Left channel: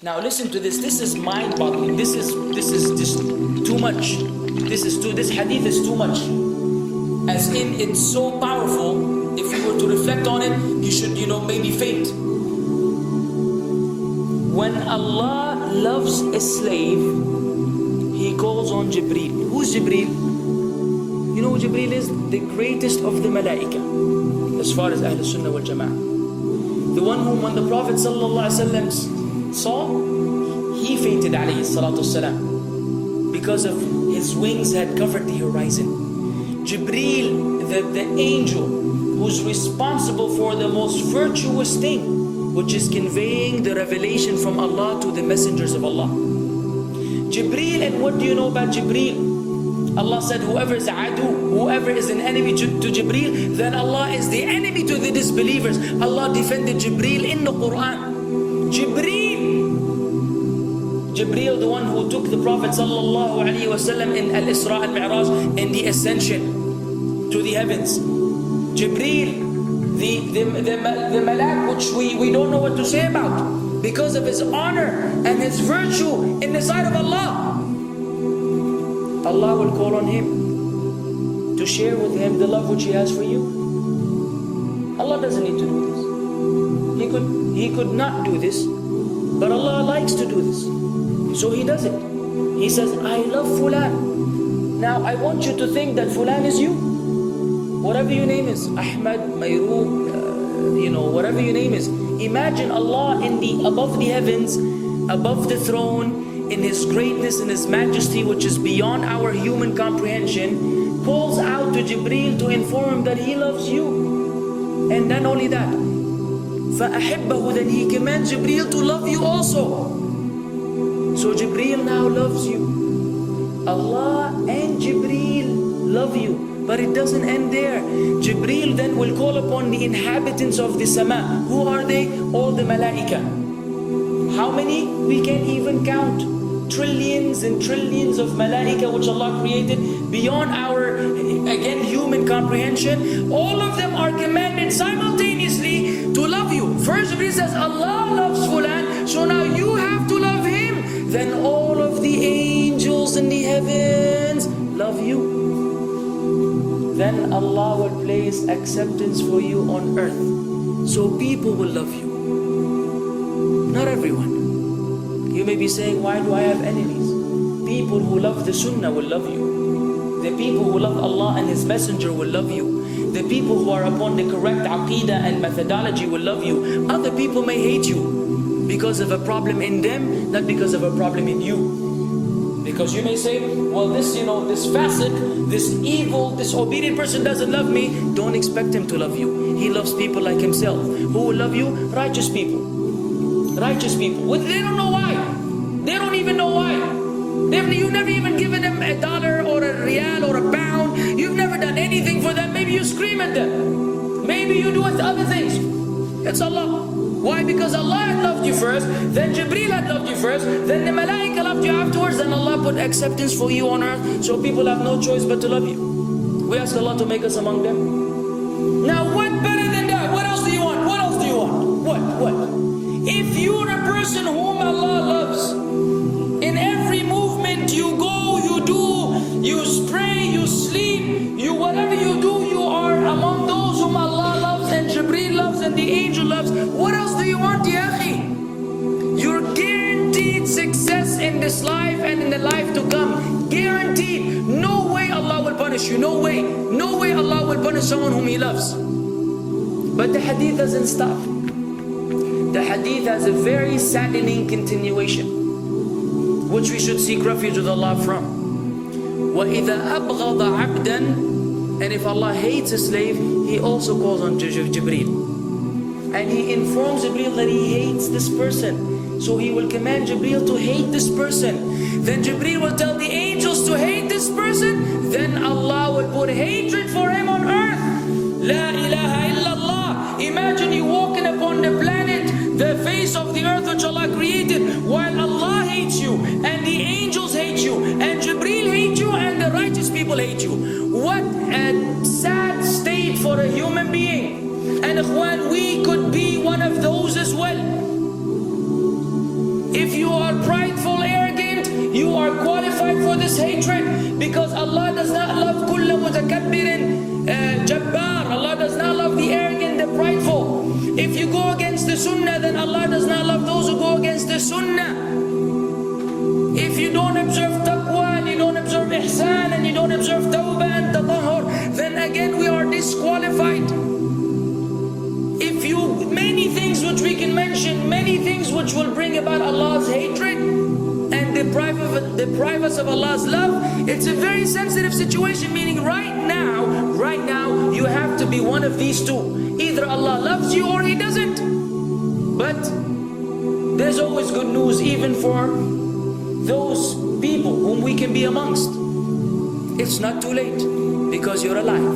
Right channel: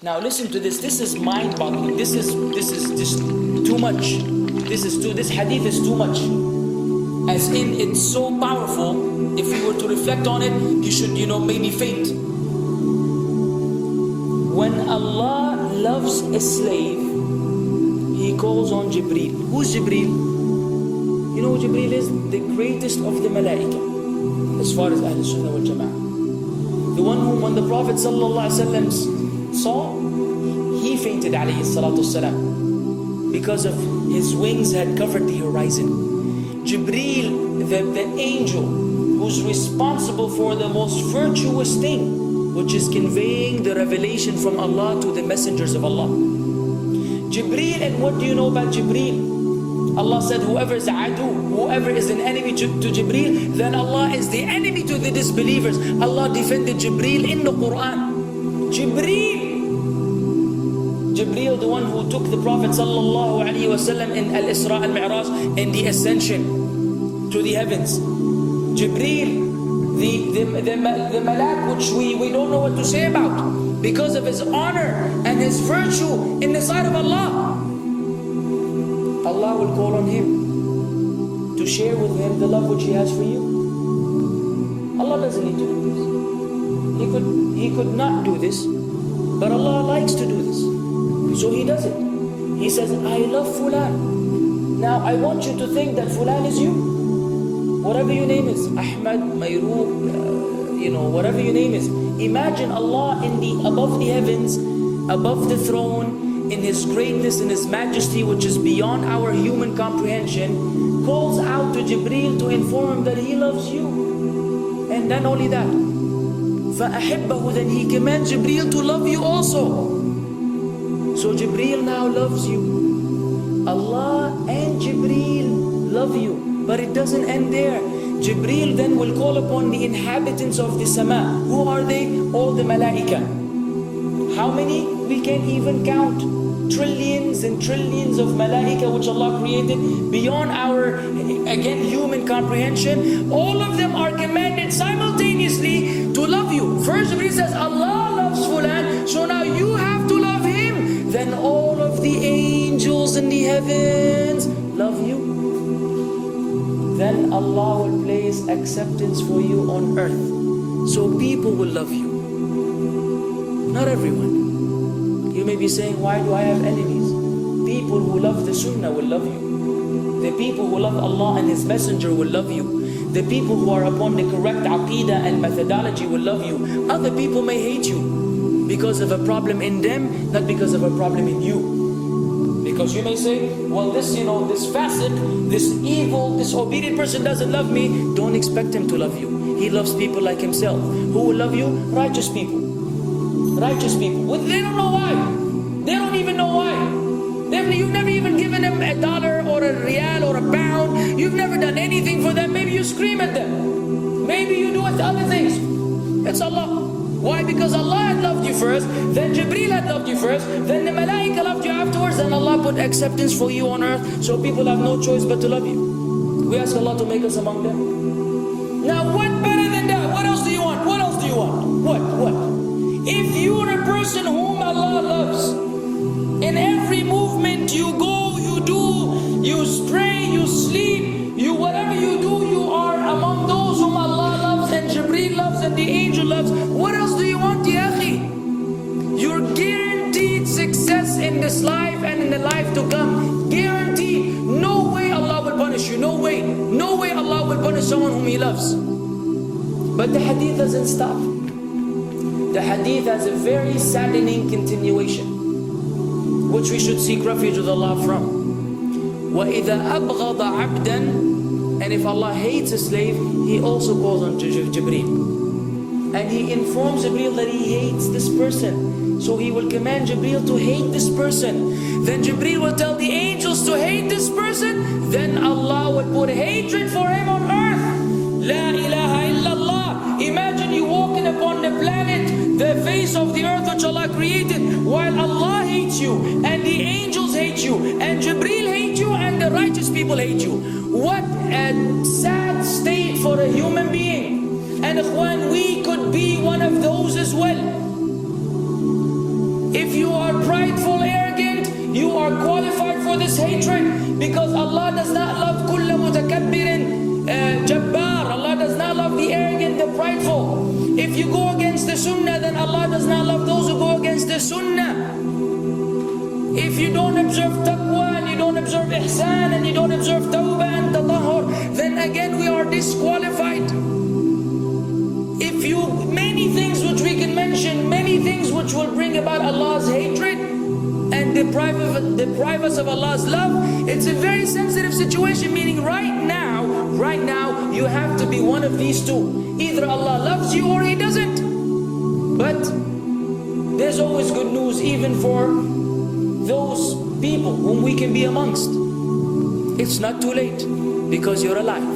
Now listen to this. This is mind-boggling. This is just too much. This hadith is too much. As in, it's so powerful. If we were to reflect on it, you should, maybe faint. When Allah loves a slave, He calls on Jibreel. Who's Jibreel? You know who Jibreel is? The greatest of the malaika, as far as Ahl Sunnah wal Jama'ah. The one whom when the Prophet ﷺ saw, he fainted alayhi salatu wasalam, because of his wings had covered the horizon. Jibreel, the angel who's responsible for the most virtuous thing, which is conveying the revelation from Allah to the messengers of Allah. Jibreel, and what do you know about Jibreel? Allah said, whoever is adu, whoever is an enemy to Jibreel, then Allah is the enemy to the disbelievers. Allah defended Jibreel in the Quran. Jibreel, the one who took the Prophet sallallahu alaihi wasallam in Al-Isra al-Mi'raj, in the ascension to the heavens. Jibreel, the malak, which we don't know what to say about, because of his honor and his virtue in the sight of Allah. Allah will call on him to share with him the love which He has for you. Allah doesn't need to do this. He could not do this, but Allah likes to do this, so He does it. He says, I love Fulan. Now I want you to think that Fulan is you. Whatever your name is, Ahmad, Mayroob, whatever your name is. Imagine Allah above the heavens, above the throne, in His greatness and His majesty, which is beyond our human comprehension, calls out to Jibreel to inform him that He loves you. And then only that, فَأَحِبَّهُ, then He commands Jibreel to love you also. So Jibreel now loves you. Allah and Jibreel love you. But it doesn't end there. Jibreel then will call upon the inhabitants of the sama. Who are they? All the malaika. How many? We can't even count. Trillions and trillions of malaika which Allah created beyond our, again, human comprehension. All of them are commanded simultaneously to love you. First Jibreel says, Allah loves Fulan, so now you have to love him. Then all of the angels in the heavens love you. Then Allah will place acceptance for you on earth. So people will love you. Not everyone. You may be saying, why do I have enemies? People who love the Sunnah will love you. The people who love Allah and His Messenger will love you. The people who are upon the correct aqeedah and methodology will love you. Other people may hate you because of a problem in them, not because of a problem in you. Because you may say, well, this fasiq, this evil, disobedient person doesn't love me. Don't expect him to love you. He loves people like himself. Who will love you? Righteous people. Righteous people. They don't know why. They don't even know why. You've never even given them $1 or a rial or a pound. You've never done anything for them. Maybe you scream at them. Maybe you do other things. It's Allah. Why? Because Allah had loved you first, then Jibreel had loved you first, then the malaika loved you afterwards, then Allah put acceptance for you on earth, so people have no choice but to love you. We ask Allah to make us among them. Now what better than that? What else do you want? What else do you want? What? If you're a person whom Allah loves, in every movement you go, you do, you pray, you sleep, whatever you do, you are among those whom Allah loves and Jibreel loves and the angel loves. What else do you want, ya akhi? You're guaranteed success in this life and in the life to come. Guaranteed. No way Allah will punish you. No way. No way Allah will punish someone whom He loves. But the hadith doesn't stop. The hadith has a very saddening continuation, which we should seek refuge with Allah from. وَإِذَا أَبْغَضَ عَبْدًا, and if Allah hates a slave, He also calls on Jibreel. And He informs Jibreel that He hates this person. So He will command Jibreel to hate this person. Then Jibreel will tell the angels to hate this person. Then Allah will put hatred for him on earth. La ilaha illallah. Imagine you walking upon the planet, the face of the earth which Allah created, while Allah hates you, and the angels hate you, and Jibreel hate you, and the righteous people hate you. What a sad state for a human being. And ikhwan, we could be one of those as well. If you are prideful, arrogant, you are qualified for this hatred, because Allah does not love kulla mutakabbirin jabbar. Allah does not love the arrogant, the prideful. If you go against the sunnah, then Allah does not love those who go against the sunnah. If you don't observe taqwa, and you don't observe ihsan, and you don't observe tawbah and tatahur, then again we are disqualified. If you, many things which we can mention, many things which will bring about Allah's hatred and deprive us of Allah's love. It's a very sensitive situation, meaning right now, you have to be one of these two. Either Allah loves you or He doesn't. But there's always good news, even for those people whom we can be amongst. It's not too late because you're alive.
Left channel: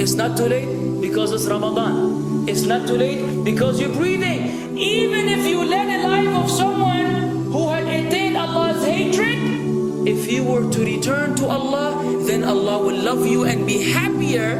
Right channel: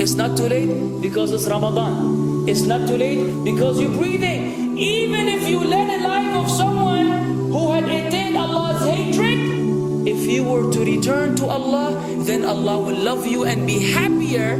It's not too late because it's Ramadan. It's not too late because you're breathing. Even if you led a life of someone who had attained Allah's hatred, if you were to return to Allah, then Allah will love you and be happier.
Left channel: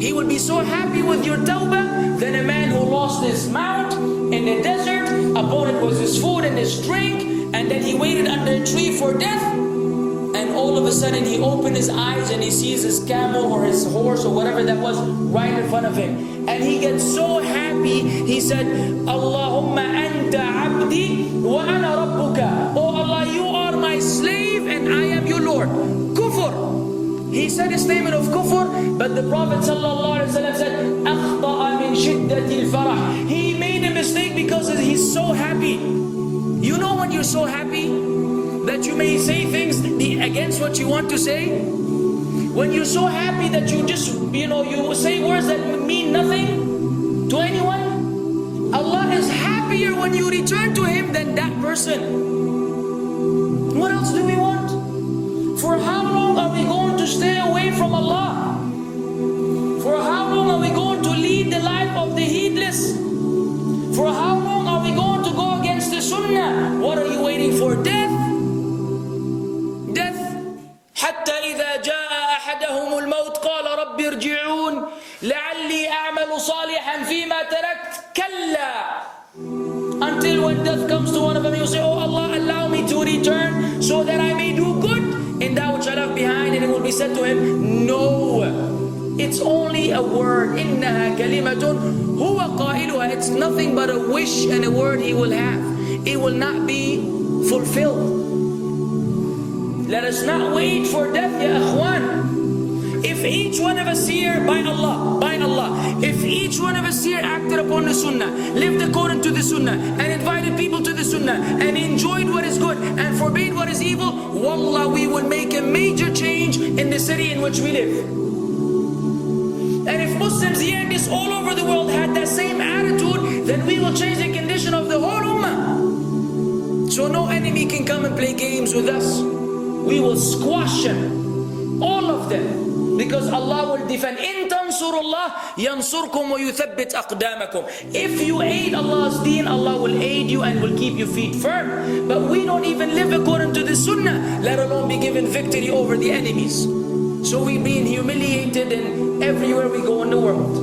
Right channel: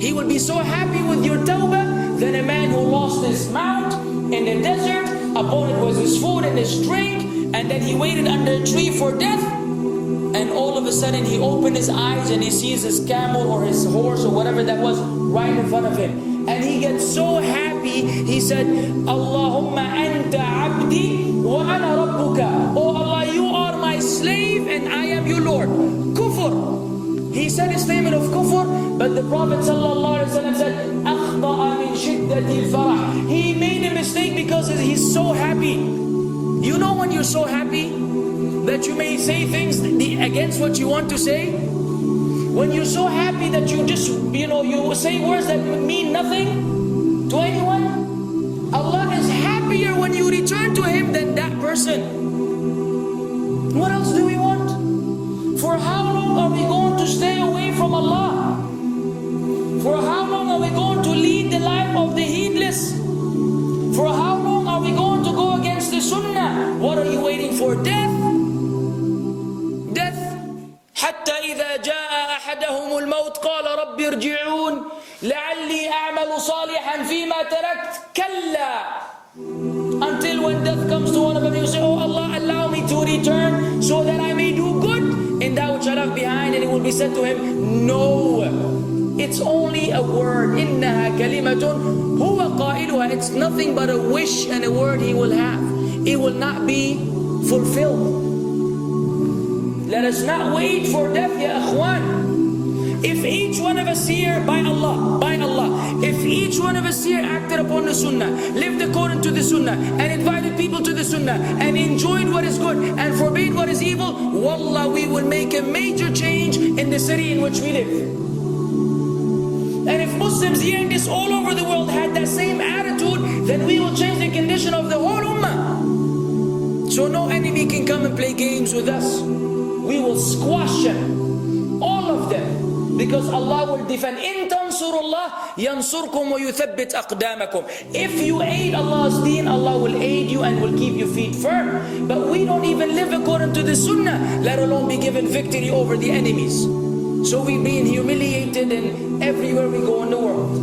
He will be so happy with your tawbah than a man who lost his mount in the desert. Upon it was his food and his drink, and then he waited under a tree for death. And all of a sudden he opened his eyes and he sees his camel or his horse or whatever that was right in front of him. And he gets so happy, he said, Allahumma anta abdi wa ana rabbuka. Oh Allah, you are my slave and I am your Lord. Kufr. He said a statement of kufr, but the Prophet ﷺ said, أخطأ من شدة الفرح. He made a mistake because he's so happy. You know when you're so happy that you may say things against what you want to say? When you're so happy that you just, you say words that mean nothing to anyone? Allah is happier when you return to Him than that person. What else do we want? For how long are we going to stay away from Allah? For how long are we going to lead the life of the heedless? For how long are we going to go against the sunnah? What are you waiting for? Death? Death. حتى إذا جاء أحدهم الموت قال رب ارجعون لعلي أعمل صالحا فيما تركت كلا. Until when death comes to one of them, you say, oh Allah, allow me to return so that I may do good in that which I left behind. And it will be said to him, no, it's only a word. إنها كلمة هو قائلها. It's nothing but a wish and a word he will have. It will not be fulfilled. Let us not wait for death, ya akhwan. If each one of us here, by Allah, if each one of us here acted upon the sunnah, lived according to the sunnah, and invited people to the sunnah, and enjoyed what is good, and forbade what is evil, wallah, we will make a major change in the city in which we live. And if Muslims hearing this all over the world had that same attitude, then we will change the condition of the whole ummah. So no enemy can come and play games with us. We will squash them, all of them. Because Allah will defend. In tansurullah yansurkum wa yuthabbit aqdamakum. If you aid Allah's deen, Allah will aid you and will keep your feet firm. But we don't even live according to the sunnah, let alone be given victory over the enemies. So we're being humiliated in everywhere we go in the world.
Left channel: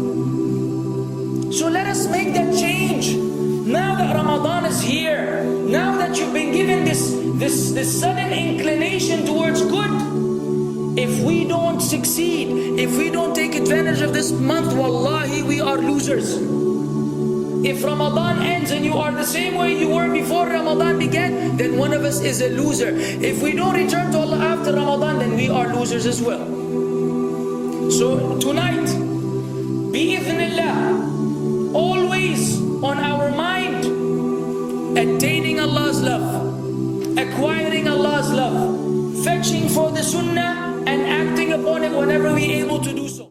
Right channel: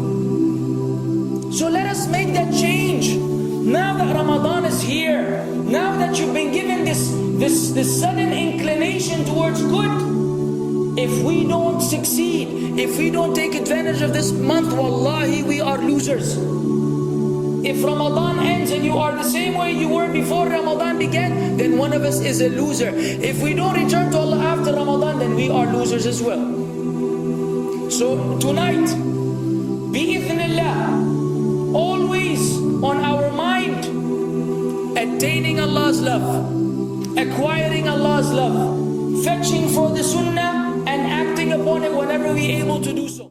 So let us make that change. Now that Ramadan is here, now that you've been given this sudden inclination towards good, if we don't succeed, if we don't take advantage of this month, wallahi, we are losers. If Ramadan ends and you are the same way you were before Ramadan began, then one of us is a loser. If we don't return to Allah after Ramadan, then we are losers as well. So tonight, bi'idhnillah, always on our mind, attaining Allah's love, acquiring Allah's love, fetching for the sunnah, and acting upon it whenever we're able to do so.